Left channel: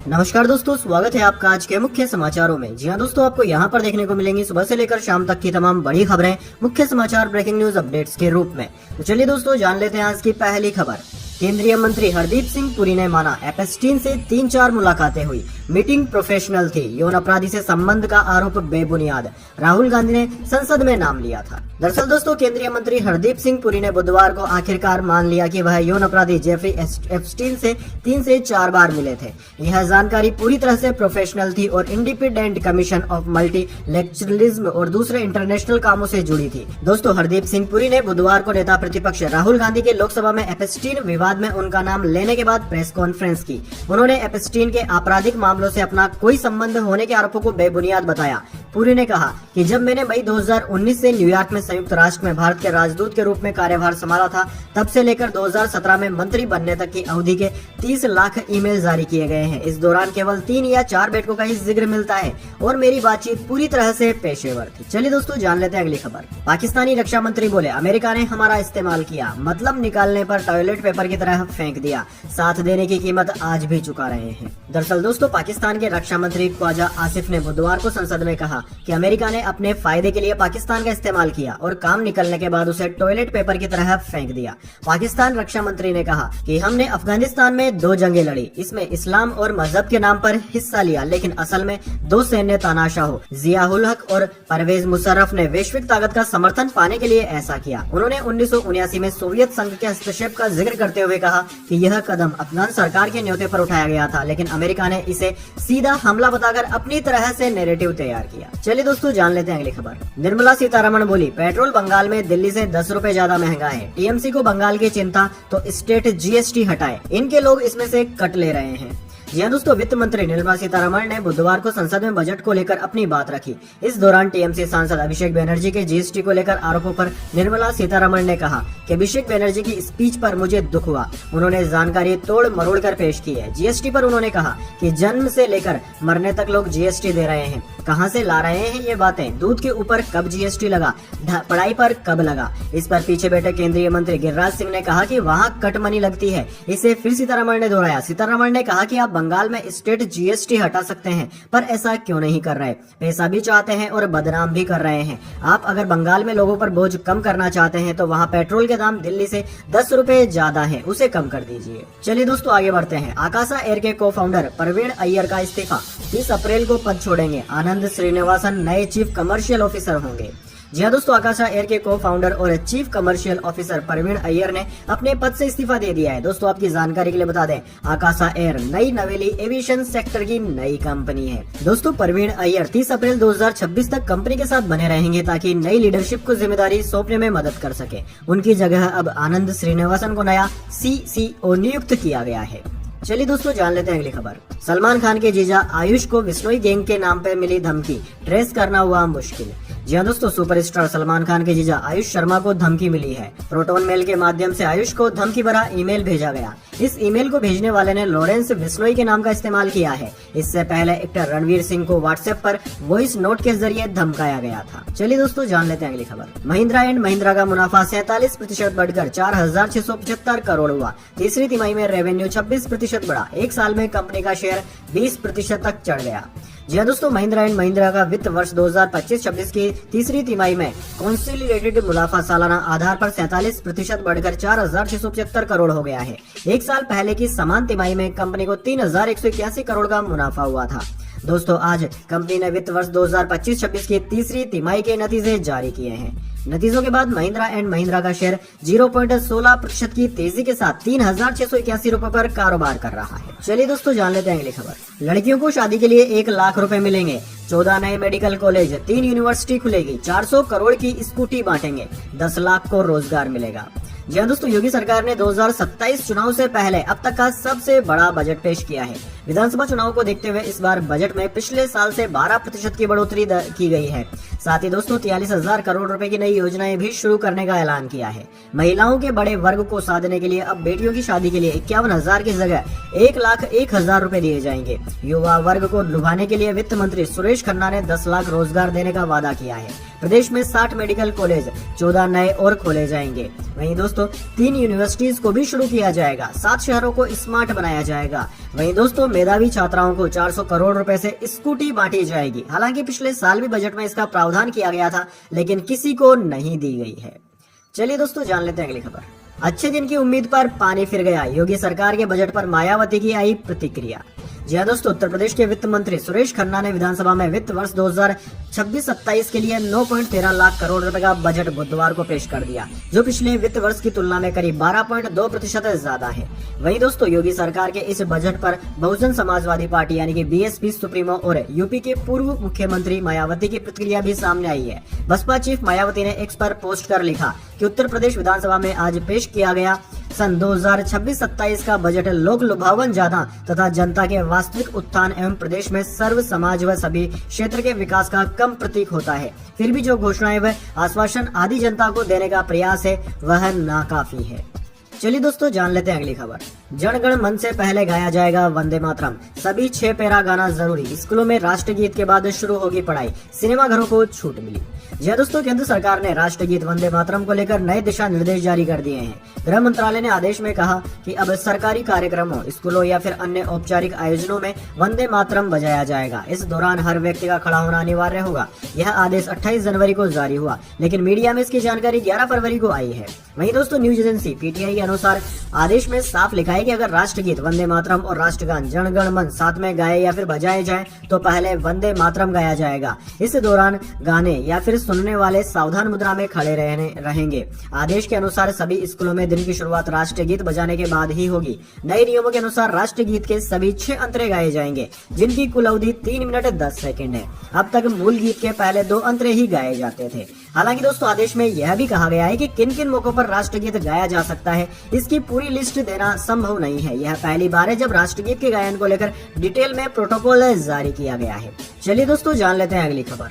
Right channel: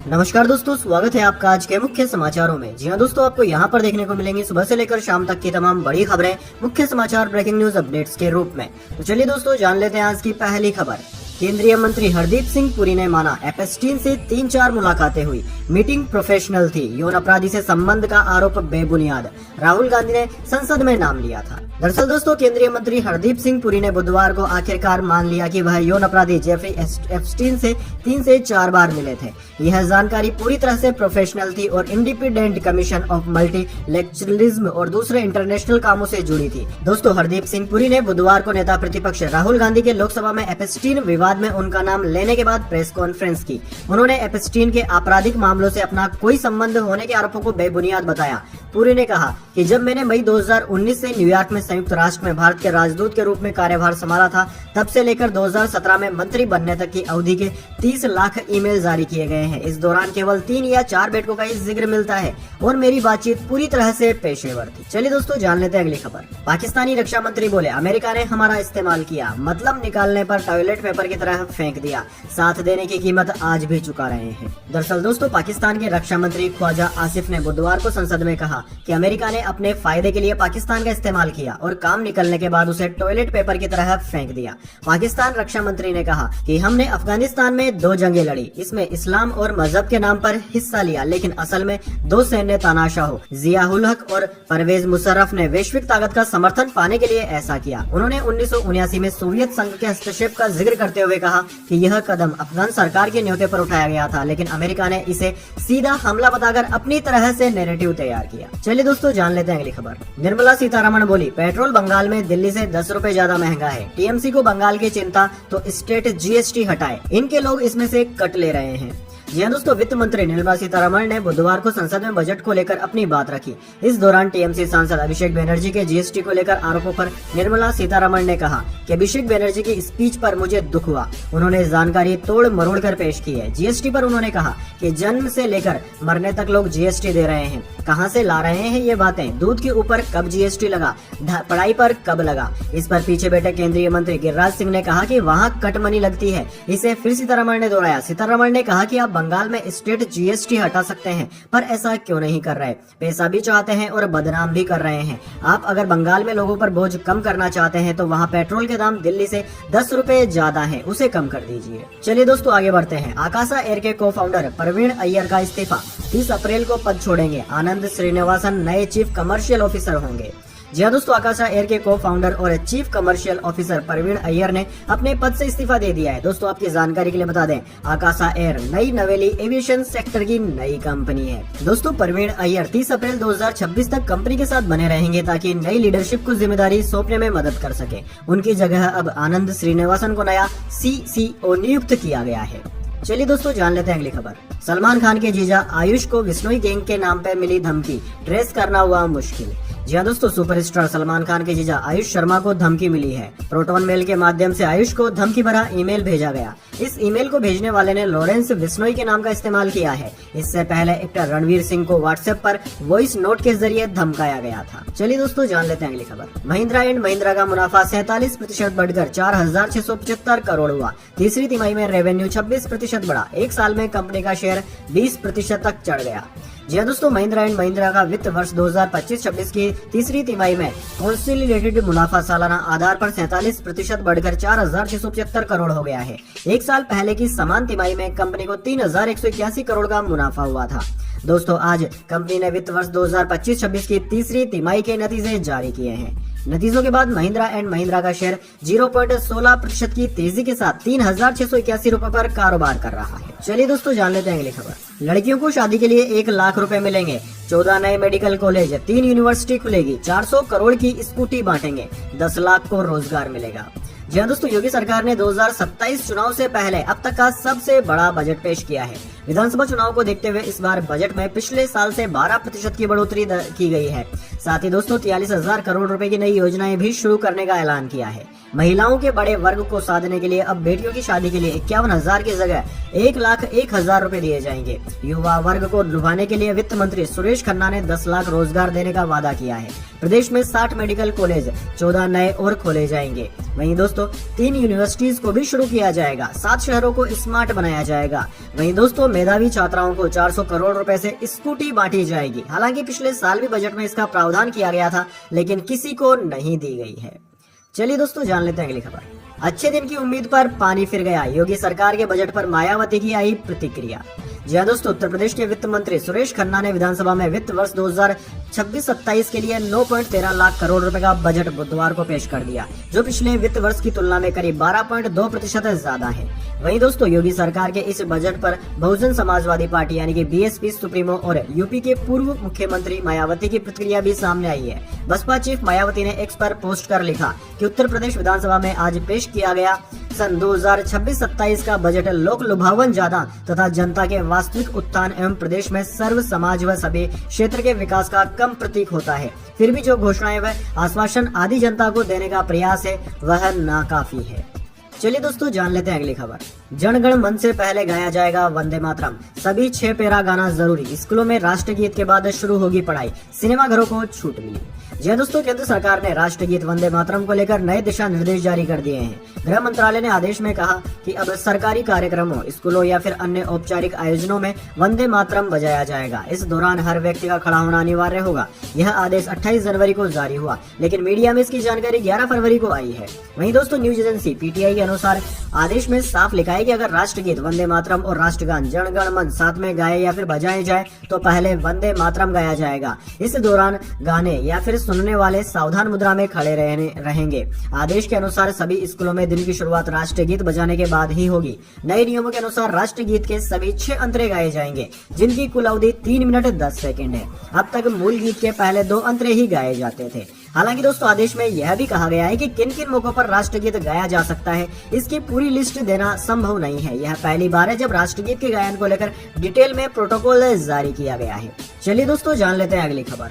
नमस्कार दोस्तों, स्वागत है आपका आज के मुख्य समाचारों में। जी हाँ दोस्तों, आपको यहाँ पर देखने को मिलेंगी सुबह से लेकर शाम तक की तमाम बड़ी खबरें मुख्य समाचार ब्रेकिंग न्यूज अपडेट्स के रूप में। तो चलिए दोस्तों, जान लेते हैं आज की पहली खबर। केंद्रीय मंत्री हरदीप सिंह पुरी ने माना एपेस्टीन से 3-4 मुलाकातें हुई, मीटिंग प्रोफेशनल थी, यौन अपराधी से संबंध का आरोप बेबुनियाद, राहुल गांधी ने संसद में नाम लिया था। दरअसल दोस्तों, केंद्रीय मंत्री हरदीप सिंह पुरी ने बुधवार को आखिरकार मान लिया कि वह यौन अपराधी जेफरी एप्स्टीन से 3 से 4 बार मिले थे। यह जानकारी पूरी तरह से प्रोफेशनल थी और इंडिपेंडेंट कमीशन ऑफ मल्टीलेक्चरलिज्म और दूसरे इंटरनेशनल कामों से जुड़ी थी। दोस्तों, हरदीप सिंह पुरी ने बुधवार को नेता प्रतिपक्ष राहुल गांधी के लोकसभा में एप्स्टीन विवाद में उनका नाम लेने के बाद प्रेस कॉन्फ्रेंस की। उन्होंने एप्स्टीन के आपराधिक मामलों से अपना कोई संबंध होने के आरोपों को बेबुनियाद बताया। पुरी ने कहा कि जब मैंने मई 2019 से न्यूयॉर्क में संयुक्त राष्ट्र में भारत के राजदूत के रूप में कार्यभार संभाला था, तब से लेकर 2017 में मंत्री बनने तक की अवधि के 30 लाख ईमेल जारी किए गए हैं। इस दौरान केवल 3 या 4 बैठकों का ही जिक्र मिलता है और मेरी बातचीत पूरी तरह से पेशेवर थी। चलिए दोस्तों, जान लेते हैं अगली खबर। पाकिस्तानी रक्षा मंत्री बोले, अमेरिका ने हमारा इस्तेमाल किया, मतलब निकालने पर टॉयलेट पेपर की तरह फेंक दिया, साथ देने की कीमत आज भी चुका रहे हैं। दरअसल दोस्तों, पाकिस्तान के रक्षा मंत्री ख्वाजा आसिफ ने बुधवार को संसद में कहा कि अमेरिका ने अपने फायदे के लिए पाकिस्तान का इस्तेमाल किया और काम निकलने के बाद उसे टॉयलेट पेपर की तरह फेंक दिया। पाकिस्तान रक्षा मंत्री ने कहा कि हमने अफगानिस्तान में 2 जंगें लड़ी, इसमें इस्लाम और मजहब के नाम पर हिस्सा लिया, लेकिन असल में 2 सैन्य तानाशाह जियाउल हक और परवेज मुशर्रफ ने वैश्विक ताकत का समर्थन पाने के लिए ऐसा किया। उन्होंने 1979 में सोवियत संघ के हस्तक्षेप का जिक्र करते हुए कहा कि यह कदम अफगान सरकार के न्योते पर उठाया गया था, लेकिन अमेरिका ने इसे सीधा हमला बताकर अपनी तरह से नैरेटिव तैयार किया। चलिए दोस्तों, जान लेते हैं अगली खबर। निर्मला सीतारमण बोली, पेट्रोल बंगाल में दिल्ली से 10 रुपए ज्यादा महंगा है। टीएमसी को बंगाल की चिंता तो स्टेट जीएसटी हटाए, इनके लोग इसमें से कट ले रहे हैं। जी हाँ दोस्तों, वित्त मंत्री निर्मला सीतारमण ने बुधवार को संसद में बजट को लेकर अपनी बात रखी। इस दौरान टीएमसी सांसद अभिषेक बनर्जी के जीएसटी को लेकर आरोपों पर निर्मला सीतारमण ने कहा कि अभिषेक बनर्जी की स्पीच पर मुझे दुख हुआ। उन्होंने जानकारी तोड़ मरोड़ कर पेश की है। जीएसटी पर उन्होंने कहा कि जन्म से लेकर मरने तक लोग जीएसटी दे रहे हैं, कहां से ला रहे हैं ये बातें, दूध के ऊपर कब जीएसटी लगा, पढ़ाई पर कब लगा। इस पर पीछे बैठे केंद्रीय मंत्री गिरिराज सिंह ने कहा कि वहाँ कट मनी लगती है। इसे फिर सीतारमण ने दोहराया। सीतारमण ने कहा कि आप बंगाल में स्टेट जीएसटी हटा सकते हैं, पर ऐसा क्यों नहीं कर रहे? पैसा भी चाहते हैं और बदनाम भी कर रहे हैं। आप अगर बंगाल में लोगों पर बोझ कम करना चाहते हैं तो वहाँ पेट्रोल के दाम दिल्ली से 10 रुपए ज्यादा है, उसे कम कर दीजिए। चलिए दोस्तों, आगे बढ़ते हैं। आकाशा एयर के को फाउंडर प्रवीण अय्यर का इस्तीफा, 30 अप्रैल को पद छोड़ेंगे। आनंद श्रीनिवासन नए चीफ कमर्शियल ऑफिसर होंगे। जी हाँ दोस्तों, आकाशा एयर के को फाउंडर और chief commercial officer Praveen Iyer ने अपने पद से इस्तीफा दे दिया है। दोस्तों, आपकी जानकारी के लिए बता दें, आकाशा एयर नई नवेली एविएशन सेक्टर की नई कंपनी है। दोस्तों, प्रवीण अय्यर 30 अप्रैल 2026 तक कंपनी के साथ बने रहेंगे ताकि नई लीडरशिप को जिम्मेदारी सौंपने में मदद कर सके। उनकी जगह अब आनंद श्रीनिवासन को नया सीसीओ नियुक्त किया गया है। चलिए दोस्तों, जान लेते हैं अगली खबर। सलमान खान के जीजा आयुष को विश्नोई गैंग के नाम पे मिली धमकी, ट्रेस करना हुआ मुश्किल। जी हाँ दोस्तों, सुपरस्टार सलमान खान के जीजा आयुष शर्मा को धमकी मिली है। प्रोटोन मेल के माध्यम से आयुष को धमकी भरा ईमेल भेजा गया। इस ईमेल को भेजने वाले ने लॉरेंस विश्नोई के नाम का इस्तेमाल किया है। इससे पहले एक्टर रणवीर सिंह को व्हाट्सएप पर वॉइस नोट के जरिए धमकाया गया था। चलिए दोस्तों, जान लेते हैं अगली खबर। महिंद्रा एंड महिंद्रा का मुनाफा 47% बढ़कर 4,675 करोड़ हुआ। तीसरी तिमाही में रेवेन्यू 26% बढ़ा। एक साल में कंपनी का शेयर 20% तक चढ़ गया। जी हाँ दोस्तों, महिंद्रा एंड महिंद्रा का वित्त वर्ष 2025-26 की तीसरी तिमाही में कंसोलिडेटेड मुनाफा सालाना आधार पर 47% बढ़कर 4,675 करोड़ हो गया है। एक साल पहले की समान तिमाही में कंपनी को 3,181 करोड़ का मुनाफा हुआ था। दोस्तों, आज कंपनी ने वित्त वर्ष 2025-26 की तीसरी तिमाही के नतीजे जारी किए हैं। नतीजों के बाद महिंद्रा एंड महिंद्रा का शेयर 0.16% की तेजी के साथ 3,681 रुपए पर कारोबार कर रहा है। चलिए दोस्तों, जान लेते हैं अगली खबर। लड़कियों को शादी के लिए 1 लाख रुपए मिलेंगे। 14 नए मेडिकल कॉलेज, 3 यूनिवर्सिटी खुलेगी, 400 करोड़ की स्कूटी बांटेंगे, 10 लाख को रोजगार मिलेगा। जी हाँ दोस्तों, योगी सरकार ने 2027 चुनाव से पहले अब तक का सबसे बड़ा बजट पेश किया है। विधानसभा चुनाव को देखते हुए इस बार बजट में पिछले साल से 12% की बढ़ोतरी की गई है। साथ ही दोस्तों 43,000 करोड़ रुपए की नई योजनाएं भी शुरू करने का ऐलान किया है। महिलाओं के बड़े वर्ग को साधने के लिए अब बेटियों की शादी के लिए 51,000 की जगह 1,01,000 रुपए दिए जाएंगे। युवा वर्ग को लुभाने के लिए वित्त मंत्री सुरेश खन्ना ने 10 लाख रोजगार देने का वादा किया है। प्रदेश में 60 मेडिकल कॉलेज, 14 नए और खोले जाएंगे। वहीं दोस्तों 3 यूनिवर्सिटीज को भी शुरू किया जाएगा। 7 शहरों को स्मार्ट बनाया जाएगा। वहीं दोस्तों मेधावी छात्राओं को 400 करोड़ रुपए से स्कूटी बांटी जाएगी। हालांकि पिछले साल भी बजट में इसका प्रावधान किया गया था, लेकिन किसी को नहीं दी गई है। चलिए दोस्तों जान लेते हैं अगली खबर। अच्छे दिन की उम्मीद पर पानी फिर गया। योगी सरकार के बजट पर मायावती की आई प्रतिक्रिया। जी हाँ दोस्तों, उत्तर प्रदेश के वित्त मंत्री सुरेश खन्ना ने विधानसभा में वित्त वर्ष 2026-27 के लिए 9.13 लाख करोड़ रुपए का बजट बुधवार को पेश कर दिया, जो पिछले वित्त वर्ष की तुलना में करीब 12.2% ज्यादा है। वहीं दोस्तों योगी सरकार के इस बजट पर बहुजन समाजवादी पार्टी यानी कि बीएसपी सुप्रीमो और यूपी की पूर्व मुख्यमंत्री मायावती की प्रतिक्रिया भी सामने आई है। बसपा चीफ मायावती ने एक्स पर पोस्ट कर लिखा कि उत्तर प्रदेश विधानसभा में आज पेश किया गया सन 2026-27 का बजट लोक लुभावन ज्यादा तथा जनता के वास्तविक उत्थान एवं प्रदेश में सर्व समाज व सभी क्षेत्र के विकास का कम प्रतीक होता है। फिर भी जो घोषणाएं व आश्वासन आदि जनता को देने का प्रयास है वह नाकाफी है। चलिए दोस्तों जान लेते हैं अगली खबर। जनगण मन से पहले गाया जाएगा वंदे मातरम, सभी 6 पैरा गाना जरूरी। स्कूलों में राष्ट्रगीत के बाद शुरू होगी पढ़ाई, सिनेमाघरों को छूट मिली। जी दोस्तों, केंद्र सरकार ने राष्ट्रगीत वंदे मातरम को लेकर नए दिशा निर्देश जारी कर दिए हैं। गृह मंत्रालय ने आदेश में कहा कि अब सरकारी कार्यक्रमों, स्कूलों या फिर अन्य औपचारिक आयोजनों में वंदे मातरम बजाया जाएगा। इस दौरान हर व्यक्ति का खड़ा होना अनिवार्य होगा। यह आदेश 28 जनवरी को जारी हुआ, लेकिन मीडिया में इसकी जानकारी 11 फरवरी को आई है। वहीं दोस्तों न्यूज एजेंसी पीटीआई के अनुसार आदेश में साफ लिखा है कि अगर राष्ट्रगीत वंदे मातरम और राष्ट्रगान जन गण मन साथ में गाए या फिर बजाए जाए तो पहले वंदे मातरम गाया जाएगा। इस दौरान गाने या फिर सुनने वाले सावधान मुद्रा में खड़े रहेंगे। आदेश के अनुसार सभी स्कूलों में दिन की शुरुआत राष्ट्रगीत बजाने के बाद ही होगी। नए नियमों के अनुसार राष्ट्रगीत के सभी 6 अंतरे गाए जाएंगे, जिनकी कुल अवधि 3 मिनट 10 सेकंड है। अब तक मूल गीत के पहले 2 अंतरे ही गाए जाते थे। हालांकि दोस्तों आदेश में यह भी कहा गया है कि किन किन मौकों पर राष्ट्रगीत गाया जा सकता है, इसकी पूरी लिस्ट देना संभव नहीं है। यह पहली बार है जब राष्ट्रगीत के गायन को लेकर डिटेल में प्रोटोकॉल जारी किया गया है। चलिए दोस्तों जान लेते हैं अगली खबर।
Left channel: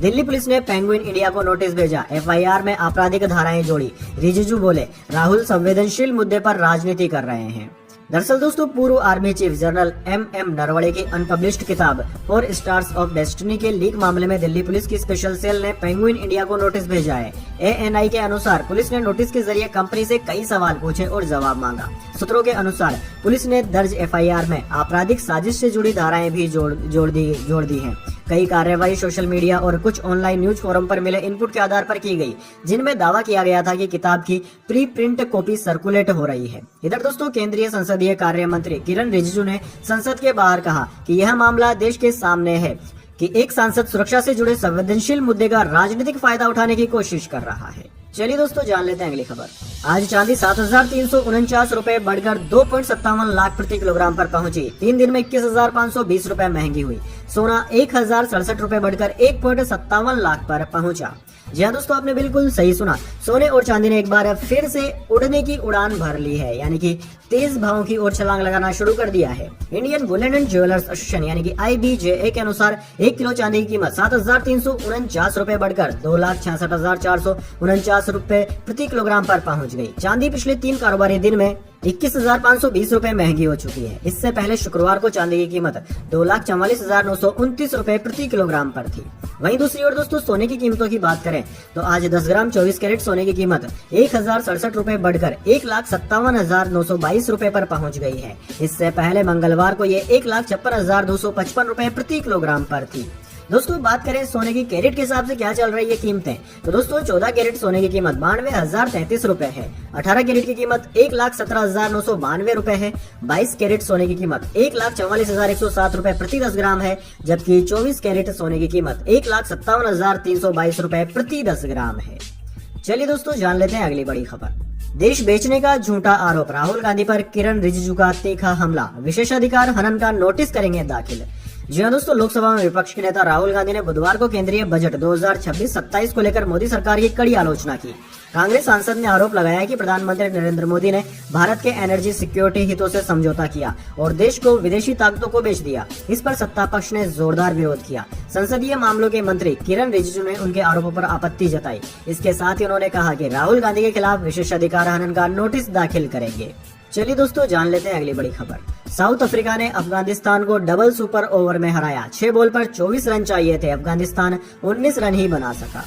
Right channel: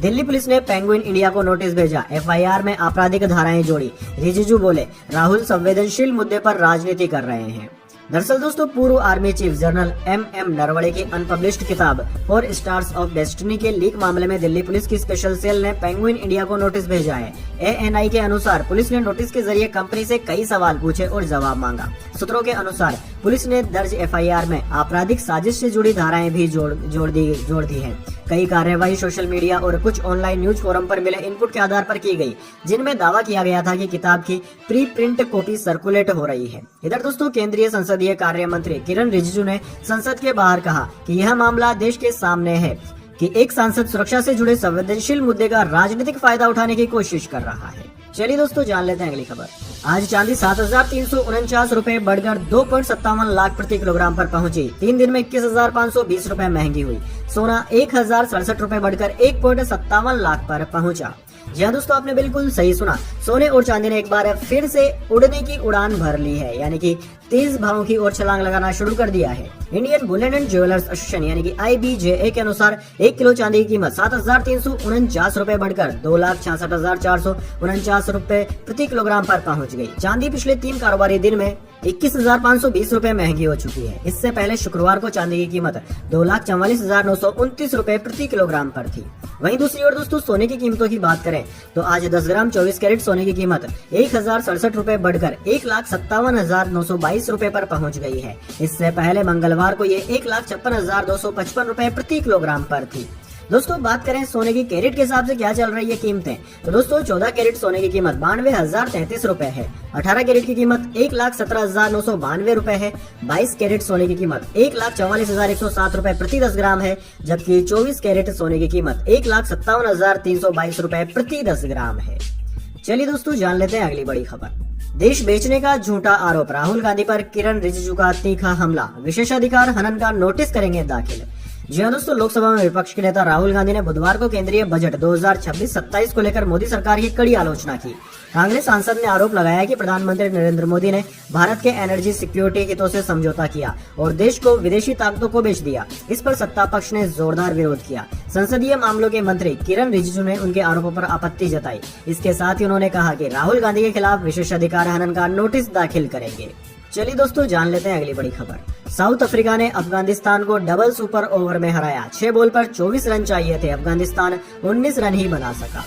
दिल्ली पुलिस ने पेंगुइन इंडिया को नोटिस भेजा, एफआईआर में आपराधिक धाराएं जोड़ी। रिजिजू बोले राहुल संवेदनशील मुद्दे पर राजनीति कर रहे हैं। दरअसल दोस्तों पूर्व army chief general M Naravane की अनपब्लिश्ड किताब 4 स्टार्स ऑफ डेस्टिनी के लीक मामले में दिल्ली पुलिस की स्पेशल सेल ने पेंगुइन इंडिया को नोटिस भेजा है। एएनआई के अनुसार पुलिस ने नोटिस के जरिए कंपनी से कई सवाल पूछे और जवाब मांगा। सूत्रों के अनुसार पुलिस ने दर्ज एफआईआर में आपराधिक साजिश से जुड़ी धाराएं भी जोड़ दी हैं। कई कार्यवाही सोशल मीडिया और कुछ ऑनलाइन न्यूज फोरम पर मिले इनपुट के आधार पर की गई, जिनमें दावा किया गया था कि किताब की प्री प्रिंट कॉपी सर्कुलेट हो रही है। इधर दोस्तों केंद्रीय संसदीय कार्य मंत्री किरण रिजिजू ने संसद के बाहर कहा कि यह मामला देश के सामने है कि एक सांसद सुरक्षा से जुड़े संवेदनशील मुद्दे का राजनीतिक फायदा उठाने की कोशिश कर रहा है। चलिए दोस्तों जान लेते हैं अगली खबर। आज चांदी 7,349 रुपए बढ़कर 2.57 लाख प्रति किलोग्राम पर पहुंची। 3 दिन में 21,520 रुपए महंगी हुई। सोना 1,067 रुपए बढ़कर 1.57 लाख पर पहुंचा। जी हाँ दोस्तों, आपने बिल्कुल सही सुना। सोने और चांदी ने एक बार फिर से उड़ने की उड़ान भर ली है, यानी कि तेज भावों की ओर छलांग लगाना शुरू कर दिया है। Indian Boolean and jewellers association यानी कि IBJA के अनुसार 1 किलो चांदी की कीमत 7,349 रुपए बढ़कर 2,66,449 रुपए प्रति किलोग्राम पर पहुंच गई। चांदी पिछले 3 कारोबारी दिन में 21,520 रुपए महंगी हो चुकी है। इससे पहले शुक्रवार को चांदी की कीमत 2,44,929 रुपए प्रति किलोग्राम पर थी। वहीं दूसरी ओर दोस्तों सोने की कीमतों की बात करें तो आज 10 ग्राम 24 कैरेट सोने की कीमत 1,067 रुपए बढ़कर 1,57,922 रुपए पर पहुंच गई है। इससे पहले मंगलवार को ये 1,56,255 रुपए प्रति किलोग्राम पर थी। दोस्तों बात करें सोने की कैरेट के हिसाब से क्या चल रही है कीमतें, तो दोस्तों 14 कैरेट सोने की कीमत 92,033 रुपए है। 18 कैरेट की कीमत 1,17,992 रुपए है। 22 कैरेट सोने की कीमत 1,44,107 रुपए प्रति 10 ग्राम है, जबकि 24 कैरेट सोने की कीमत 1,57,322 रुपए प्रति 10 ग्राम है। चलिए दोस्तों जान लेते हैं अगली बड़ी खबर। देश बेचने का झूठा आरोप, राहुल गांधी पर किरण रिजिजू का तीखा हमला, विशेषाधिकार हनन का नोटिस करेंगे दाखिल। जी हाँ दोस्तों, लोकसभा में विपक्ष के नेता राहुल गांधी ने बुधवार को केंद्रीय बजट 2026-27 को लेकर मोदी सरकार की कड़ी आलोचना की। कांग्रेस सांसद ने आरोप लगाया कि प्रधानमंत्री नरेंद्र मोदी ने भारत के एनर्जी सिक्योरिटी हितों से समझौता किया और देश को विदेशी ताकतों को बेच दिया। इस पर सत्ता पक्ष ने जोरदार विरोध किया। संसदीय मामलों के मंत्री किरण रिजिजू ने उनके आरोपों पर आपत्ति जताई। इसके साथ ही उन्होंने कहा कि राहुल गांधी के खिलाफ विशेषाधिकार हनन का नोटिस दाखिल करेंगे। चलिए दोस्तों, जान लेते हैं अगली बड़ी खबर। साउथ अफ्रीका ने अफगानिस्तान को डबल सुपर ओवर में हराया। 6 बॉल पर 24 रन चाहिए थे, अफगानिस्तान 19 रन ही बना सका।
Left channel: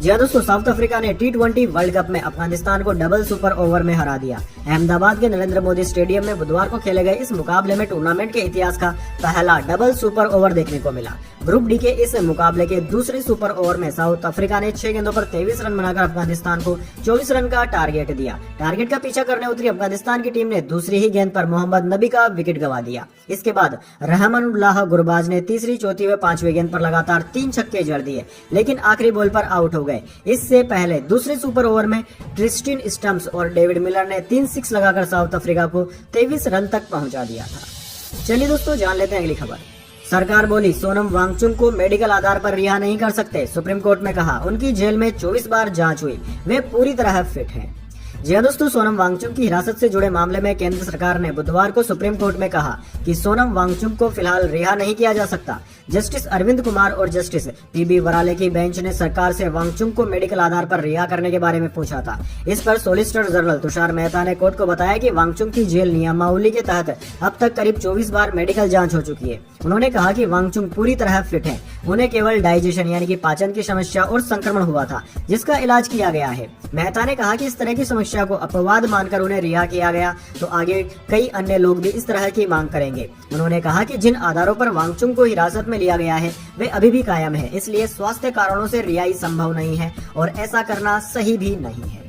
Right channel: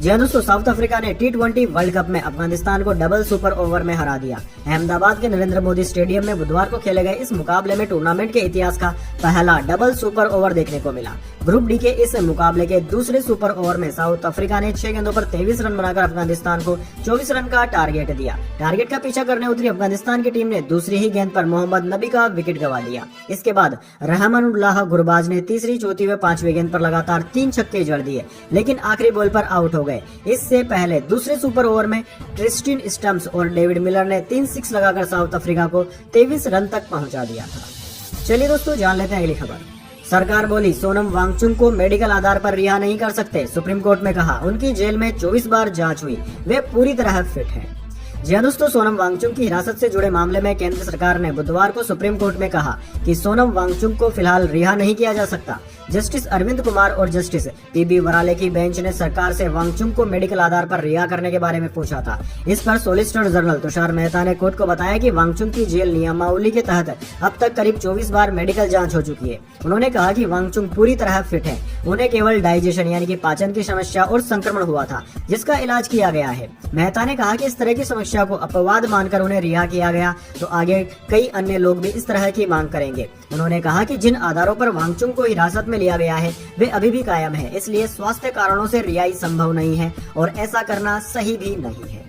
जी हाँ दोस्तों, साउथ अफ्रीका ने T20 वर्ल्ड कप में अफगानिस्तान को डबल सुपर ओवर में हरा दिया। अहमदाबाद के नरेंद्र मोदी स्टेडियम में बुधवार को खेले गए इस मुकाबले में टूर्नामेंट के इतिहास का पहला डबल सुपर ओवर देखने को मिला। ग्रुप डी के इस मुकाबले के दूसरे सुपर ओवर में साउथ अफ्रीका ने 6 गेंदों पर 23 रन बनाकर अफगानिस्तान को 24 रन का टारगेट दिया। टारगेट का पीछा करने उतरी अफगानिस्तान की टीम ने दूसरी ही गेंद पर मोहम्मद नबी का विकेट गंवा दिया। इसके बाद रहमानुल्लाह गुरबाज ने तीसरी, चौथी व पांचवी गेंद पर लगातार 3 छक्के जड़ दिए, लेकिन आखिरी बॉल पर आउट हो गए। इससे पहले दूसरे सुपर ओवर में ट्रिस्टिन स्टम्प्स और डेविड मिलर ने 3 सिक्स लगाकर साउथ अफ्रीका को 23 रन तक पहुंचा दिया था। चलिए दोस्तों, जान लेते हैं अगली खबर। सरकार बोली सोनम वांगचुक को मेडिकल आधार पर रिहा नहीं कर सकते। सुप्रीम कोर्ट में कहा उनकी जेल में 24 बार जांच हुई, वे पूरी तरह फिट हैं। जी हाँ दोस्तों, सोनम वांगचुक की हिरासत से जुड़े मामले में केंद्र सरकार ने बुधवार को सुप्रीम कोर्ट में कहा कि सोनम वांगचुक को फिलहाल रिहा नहीं किया जा सकता। जस्टिस अरविंद कुमार और जस्टिस पीपी वराले की बेंच ने सरकार से वांगचुक को मेडिकल आधार पर रिहा करने के बारे में पूछा था। इस पर सॉलिसिटर जनरल तुषार मेहता ने कोर्ट को बताया कि वांगचुक की जेल नियमावली के तहत अब तक करीब 24 बार मेडिकल जांच हो चुकी है। उन्होंने कहा कि वांगचुक पूरी तरह फिट है, उन्हें केवल डाइजेशन यानी कि पाचन की समस्या और संक्रमण हुआ था, जिसका इलाज किया गया है। मेहता ने कहा कि इस तरह की समस्या को अपवाद मानकर उन्हें रिहा किया गया तो आगे कई अन्य लोग भी इस तरह की मांग करेंगे। उन्होंने कहा कि जिन आधारों पर वांगचुक को हिरासत में लिया गया है वे अभी भी कायम है, इसलिए स्वास्थ्य कारणों से रिहाई संभव नहीं है और ऐसा करना सही भी नहीं है।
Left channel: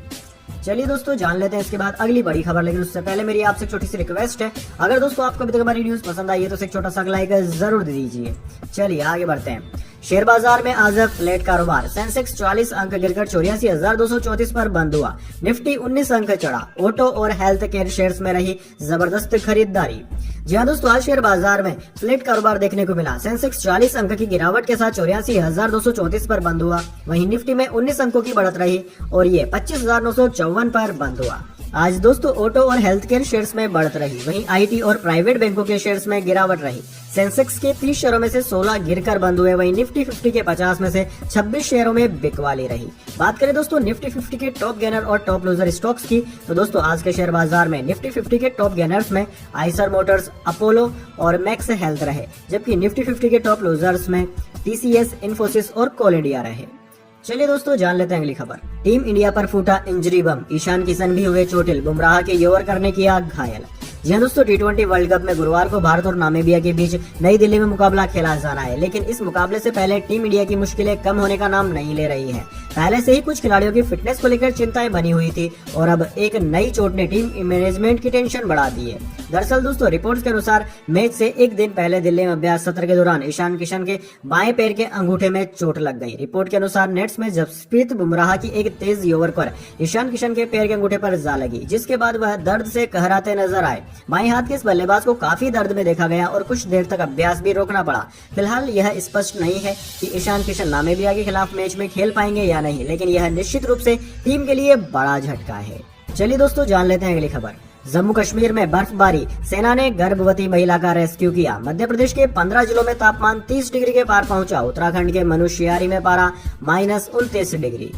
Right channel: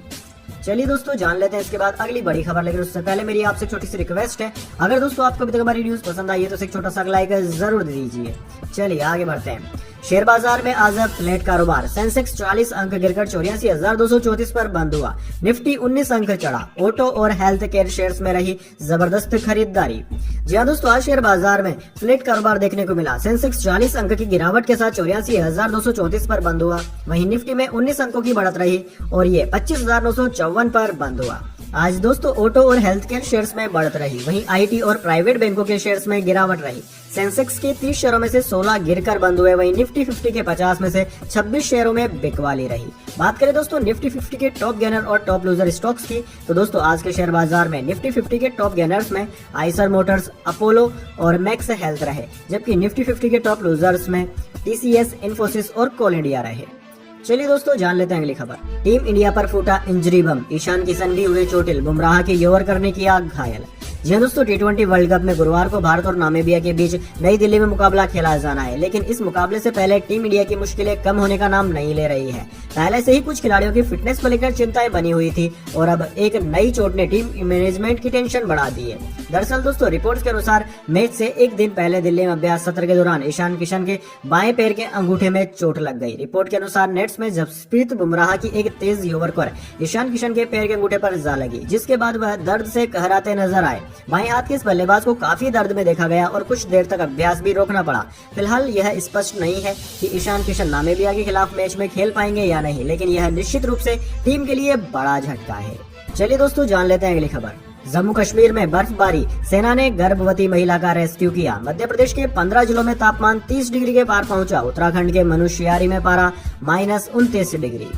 चलिए दोस्तों, जान लेते हैं इसके बाद अगली बड़ी खबर, लेकिन उससे पहले मेरी आपसे छोटी सी रिक्वेस्ट है, अगर दोस्तों आपको अभी तक हमारी न्यूज पसंद आई है तो एक छोटा सा लाइक जरूर दे दीजिए। चलिए आगे बढ़ते हैं। शेयर बाजार में आज फ्लैट कारोबार। सेंसेक्स 40 अंक गिरकर 84,234 पर बंद हुआ। निफ्टी 19 अंक चढ़ा। ऑटो और हेल्थ केयर शेयर्स में रही जबरदस्त खरीदारी। जी हाँ दोस्तों, आज शेयर बाजार में फ्लैट कारोबार देखने को मिला। सेंसेक्स 40 अंक की गिरावट के साथ 84,234 पर बंद हुआ। वहीं निफ्टी में 19 अंकों की बढ़त रही और ये 25,954 पर बंद हुआ। आज दोस्तों ऑटो और हेल्थ केयर शेयर्स में बढ़त रही, वहीं आईटी और प्राइवेट बैंकों के शेयर्स में गिरावट रही। सेंसेक्स के 30 शेयरों में से 16 गिरकर बंद हुए, वहीं निफ्टी 50 के 50 में से 26 शेयरों में बिकवाली रही। बात करें दोस्तों निफ्टी 50 के टॉप गेनर और टॉप लूजर स्टॉक्स की, तो दोस्तों आज के शेयर बाजार में निफ्टी 50 के टॉप गेनर्स में आइसर मोटर्स, अपोलो और मैक्स हेल्थ रहे, जबकि निफ्टी 50 के टॉप लूजर्स में टीसीएस, इन्फोसिस और कोल इंडिया रहे। चलिए दोस्तों, जान लेते हैं अगली खबर। टीम इंडिया पर फूटा इंजरी बम। ईशान किशन भी हुए चोटिल, बुमराह के यॉर्कर ने किया घायल। जी हाँ दोस्तों, T20 वर्ल्ड कप में गुरुवार को भारत और नामीबिया के बीच नई दिल्ली में मुकाबला खेला जाना है, लेकिन इस मुकाबले से पहले टीम इंडिया की मुश्किलें कम होने का नाम नहीं ले रही है। पहले से ही कुछ खिलाड़ियों की फिटनेस को लेकर चिंताएं बनी हुई थी और अब एक नई चोट ने टीम मैनेजमेंट की टेंशन बढ़ा दी है। दरअसल दोस्तों रिपोर्ट्स के अनुसार मैच से एक दिन पहले दिल्ली में अभ्यास सत्र के दौरान ईशान किशन के बाएं पैर के अंगूठे में चोट लग गई। रिपोर्ट के अनुसार नेट्स में जसप्रीत बुमराह की एक तेज यॉर्कर ईशान किशन के पैर के अंगूठे पर जा लगी, जिसके बाद वह दर्द से कहराते नजर आए। बाएं हाथ के इस बल्लेबाज को काफी दर्द में देखा गया और कुछ देर तक अभ्यास भी रोकना पड़ा। फिलहाल यह स्पष्ट नहीं है कि ईशान किशन नामीबिया के खिलाफ मैच में खेल पाएंगे या नहीं, लेकिन यह निश्चित रूप से टीम के लिए बड़ा झटका है। चलिए दोस्तों, जान लेते हैं अगली खबर। जम्मू कश्मीर में बर्फबारी, सेना ने गर्भवती महिला का रेस्क्यू किया। मध्य प्रदेश के 15 जिलों में तापमान 30 डिग्री के पार पहुंचा। उत्तराखंड के मनुष्यारी में पारा -29 डिग्री।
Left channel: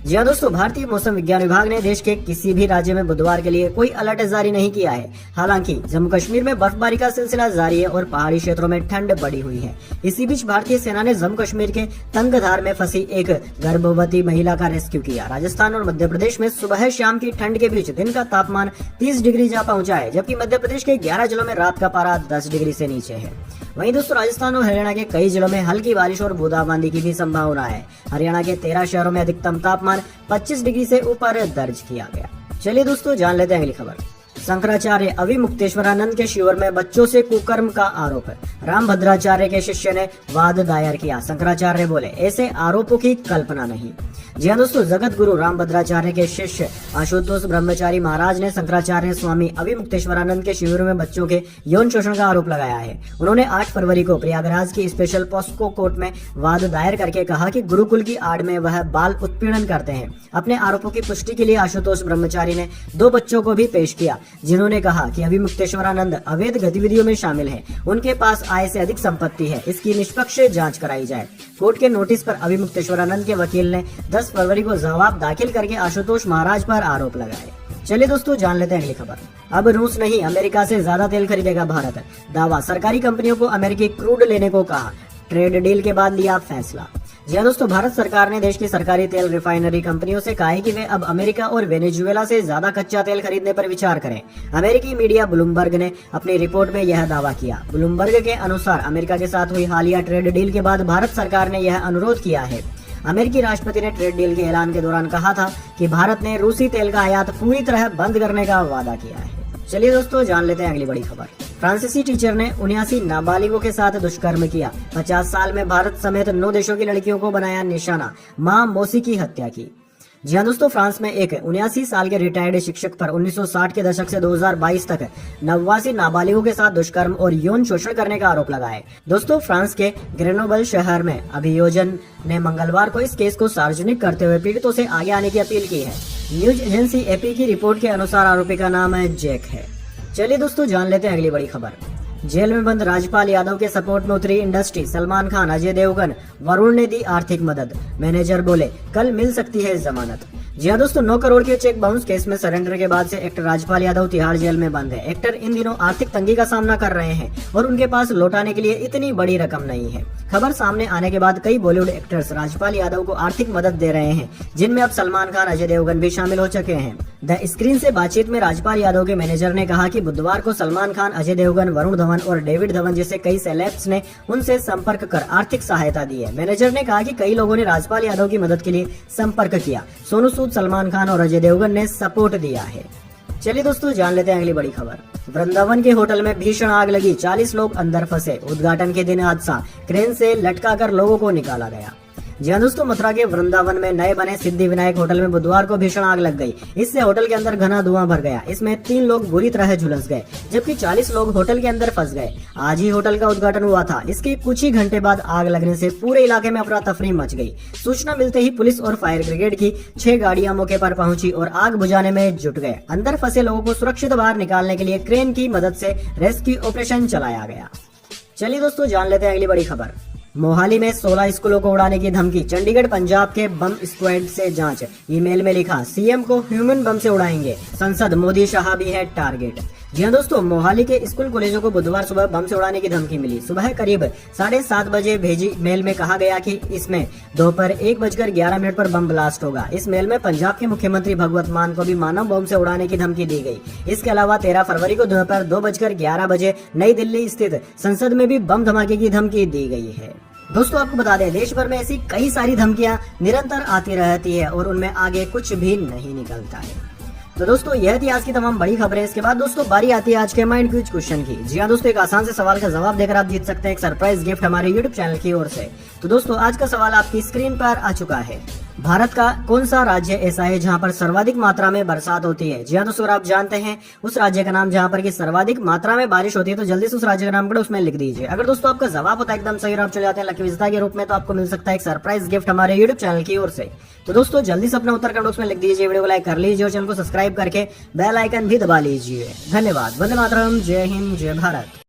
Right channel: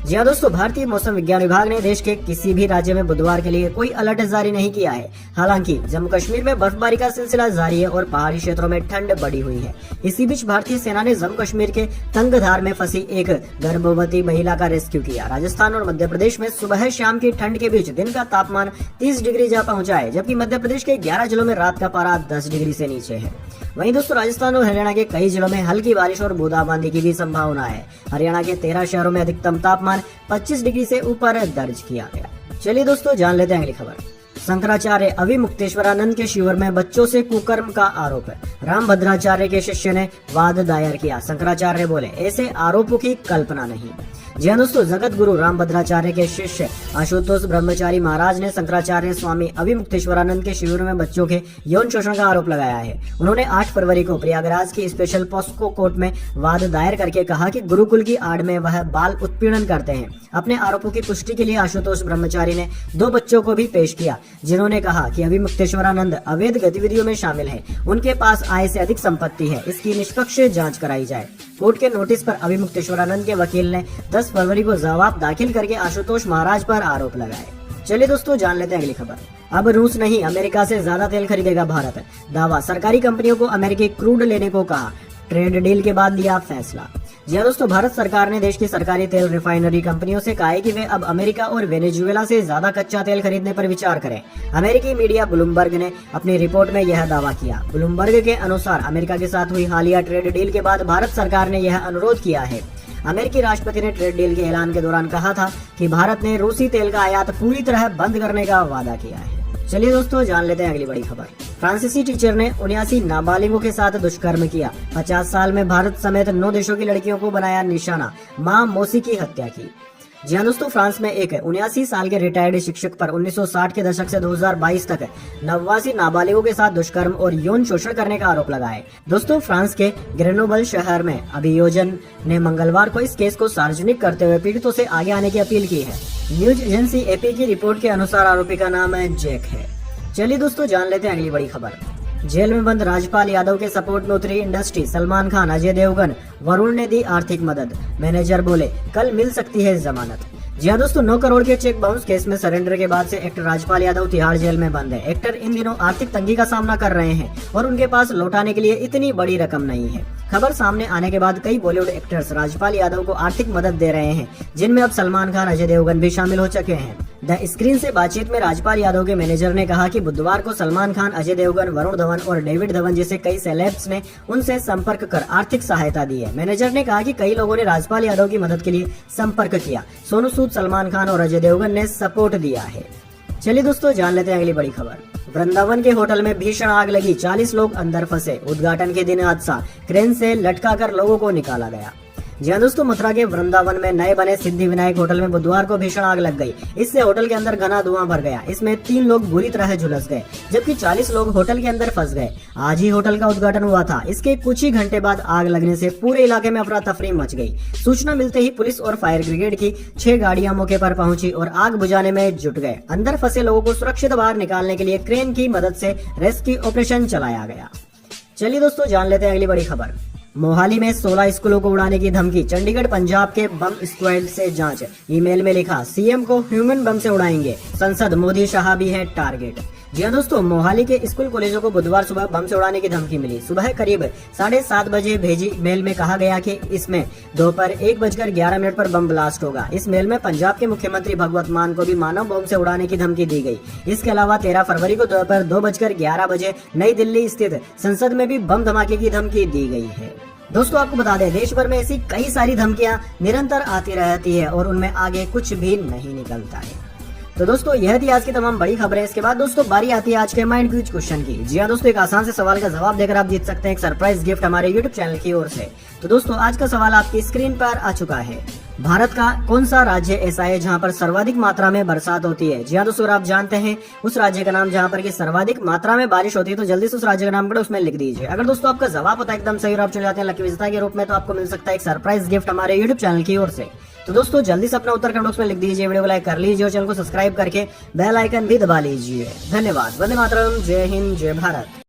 जी हाँ दोस्तों, भारतीय मौसम विज्ञान विभाग ने देश के किसी भी राज्य में बुधवार के लिए कोई अलर्ट जारी नहीं किया है। हालांकि जम्मू कश्मीर में बर्फबारी का सिलसिला जारी है और पहाड़ी क्षेत्रों में ठंड बढ़ी हुई है। इसी बीच भारतीय सेना ने जम्मू कश्मीर के तंगधार में फंसी एक गर्भवती महिला का रेस्क्यू किया। राजस्थान और मध्य प्रदेश में सुबह शाम की ठंड के बीच दिन का तापमान 30 डिग्री जा पहुंचा है, जबकि मध्य प्रदेश के 11 जिलों में रात का पारा 10 डिग्री से नीचे है। वहीं दोस्तों राजस्थान और हरियाणा के कई जिलों में हल्की बारिश और बूंदाबांदी की भी संभावना है। हरियाणा के 13 शहरों में अधिकतम तापमान 25 डिग्री से ऊपर दर्ज किया गया। चलिए दोस्तों, जान लेते हैं अगली खबर। शंकराचार्य अविमुक्तेश्वरानंद के शिविर में बच्चों से कुकर्म का आरोप है। रामभद्राचार्य के शिष्य ने वाद दायर किया। शंकराचार्य बोले ऐसे आरोपों की कल्पना नहीं। जी हाँ दोस्तों, जगत गुरु रामभद्राचार्य के शिष्य आशुतोष ब्रह्मचारी महाराज ने शंकराचार्य स्वामी अभिमुक्तेश्वरानंद के शिविर में बच्चों के यौन शोषण का आरोप लगाया है। उन्होंने 8 फरवरी को प्रयागराज की स्पेशल पॉस्को कोर्ट में वाद दायर करके कहा कि गुरुकुल की आड़ में वह बाल उत्पीड़न करते हैं। अपने आरोपों की पुष्टि के लिए आशुतोष ब्रह्मचारी ने 2 बच्चों को भी पेश किया, जिन्होंने कहा कि अभिमुक्तेश्वरानंद अवैध गतिविधियों में शामिल है, उनके पास आय से अधिक संपत्ति है, इसकी निष्पक्ष जांच कराई जाए। कोर्ट के नोटिस पर अभिमुक्तेश्वरानंद के वकील ने 10 फरवरी को जवाब दाखिल करके आशुतोष महाराज पर आरोप लगाए। चलिए दोस्तों, जान लेते हैं अगली खबर। अब रूस नहीं, अमेरिका से ज्यादा तेल खरीदेगा भारत। दावा, सरकारी कंपनियों को अमेरिकी क्रूड लेने को कहा। ट्रेड डील के बाद लिया फैसला। जी हाँ दोस्तों, भारत सरकार ने देश की सरकारी तेल रिफाइनरी कंपनियों से कहा है कि वे अब अमेरिका और वेनेजुएला से ज्यादा कच्चा तेल खरीदने पर विचार करें। अमेरिकी मीडिया ब्लूमबर्ग ने अपनी रिपोर्ट में यह दावा किया। ब्लूमबर्ग के अनुसार अमेरिका के साथ हुई हालिया ट्रेड डील के बाद भारत सरकार ने यह अनुरोध किया है। अमेरिकी राष्ट्रपति ने ट्रेड डील के ऐलान के दौरान कहा था कि भारत ने रूसी तेल का आयात पूरी तरह बंद करने का वादा किया है। चलिए दोस्तों, जान लेते हैं अगली बड़ी खबर। फ्रांसीसी टीचर ने 79 नाबालिगों के साथ दुष्कर्म किया। 50 साल में भारत समेत 9 देशों की लड़कियों को बनाया निशाना। मां मौसी की हत्या की। जी हाँ दोस्तों, फ्रांस में एक 79 साल के रिटायर्ड शिक्षक पर 1960 के दशक से 2022 तक 89 नाबालिगों के साथ दुष्कर्म और यौन शोषण करने का आरोप लगा है। दोस्तों, फ्रांस के ग्रेनोबल शहर में अभियोजन ने मंगलवार को इस केस को सार्वजनिक करते हुए पीड़ितों से आगे आने की अपील की है। न्यूज एजेंसी एपी की रिपोर्ट के अनुसार आरोपी का नाम है जैक है। चलिए दोस्तों, जान लेते हैं अगली बड़ी खबर। जेल में बंद राजपाल यादव के सपोर्ट में उतरी इंडस्ट्री। सलमान खान, अजय देवगन, वरुण ने दी आर्थिक मदद। मैनेजर बोले कल मिल सकती है जमानत। जी हाँ दोस्तों, 9 करोड़ के चेक बाउंस केस में सरेंडर के बाद से एक्टर राजपाल यादव तिहाड़ जेल में बंद है। एक्टर इन दिनों आर्थिक तंगी का सामना कर रहे हैं और उनके पास लौटाने के लिए इतनी बड़ी रकम नहीं है। खबर सामने आने के बाद कई बॉलीवुड एक्टर्स राजपाल यादव को आर्थिक मदद दे रहे हैं, जिनमें अब सलमान खान, अजय देवगन भी शामिल हो चुके हैं। द स्क्रीन से बातचीत में राजपाल यादव के मैनेजर ने कहा कि बुधवार को सलमान खान, अजय देवगन, वरुण धवन और डेविड धवन जैसे कई सेलेब्स ने उनसे संपर्क कर आर्थिक सहायता दी है। मैनेजर ने कहा कि कई लोगों ने राजपाल यादव की मदद के लिए संपर्क किया। सोनू सूद, सलमान खान और अजय देवगन ने सपोर्ट दिया है। चलिए दोस्तों, जान लेते हैं अगली बड़ी खबर। वृंदावन के होटल में भीषण आग लगी, 40 लोग अंदर फंसे। उद्घाटन के दिन हादसा, क्रेन से लटका कर लोगों को निकाला गया। जी हाँ दोस्तों, मथुरा के वृंदावन में नए बने सिद्धि विनायक होटल में बुधवार को भीषण आग लग गई। इससे होटल के अंदर घना धुआं भर गया। इसमें 3 लोग बुरी तरह झुलस गए, जबकि 40 लोग होटल के अंदर फंस गए। आज ही होटल का उद्घाटन हुआ था। इसके कुछ ही घंटे बाद आग लगने से पूरे इलाके में अफरा तफरी मच गई। सूचना मिलते ही पुलिस और फायर ब्रिगेड की 6 गाड़ियां मौके पर पहुंची और आग बुझाने में जुट गए। अंदर फंसे लोगों को सुरक्षित बाहर निकालने के लिए क्रेन की मदद से रेस्क्यू ऑपरेशन चलाया गया। चलिए दोस्तों, जान लेते हैं अगली बड़ी खबर। मोहाली में 16 स्कूलों को उड़ाने की धमकी। चंडीगढ़ पंजाब के बम स्क्वाड से जांच। ईमेल में लिखा सीएम को ह्यूमन बम से उड़ाएंगे। संसद, मोदी शाह भी है टारगेट। जी हाँ दोस्तों, मोहाली के स्कूल कॉलेजों को बुधवार सुबह बम से उड़ाने की धमकी मिली। सुबह करीब 7:30 बजे भेजी मेल में कहा गया कि इसमें दोपहर 1:11 पर बम ब्लास्ट होगा। इस मेल में पंजाब के मुख्यमंत्री भगवंत मान को भी मानव बम से उड़ाने की धमकी दी गई। इसके अलावा 13 फरवरी को दोपहर 2:11 बजे नई दिल्ली स्थित संसद में भी बम धमाके की धमकी दी गई है। दोस्तों, आपको बता दें, देश भर में ऐसी कई सारी धमकियां निरंतर आती रहती है और उनमें आगे कुछ भी नहीं निकलता है। तो दोस्तों, यह थी आज की तमाम बड़ी खबरें। इसके बाद दोस्तों बारी आती है आज के माइंड क्विज क्वेश्चन की। जी हाँ दोस्तों, एक आसान से सवाल का जवाब देकर आप जीत सकते हैं एक सरप्राइज गिफ्ट हमारे यूट्यूब चैनल की ओर से। तो दोस्तों, आज का सवाल आपकी स्क्रीन पर आ चुका है। भारत का कौन सा राज्य ऐसा है जहां पर सर्वाधिक मात्रा में बरसात होती है? जी हाँ दोस्तों, आप जानते हैं उस राज्य का नाम जहां पर की सर्वाधिक मात्रा में बारिश होती है, तो जल्दी से उस राज्य का नाम करो, उसमें लिख दीजिए। अगर दोस्तों आपका जवाब होता है एकदम सही और आप चले जाते हैं लकी विजेता के रूप में, तो आपको मिल सकता है एक सरप्राइज गिफ्ट हमारे यूट्यूब चैनल की ओर से। तो दोस्तों, जल्दी से अपना उत्तर कमेंट बॉक्स में लिख दीजिए, वीडियो को लाइक कर लीजिए और चैनल को सब्सक्राइब करके बेल आइकन भी दबा लीजिए। धन्यवाद। वंदे मातरम। जय हिंद, जय भारत।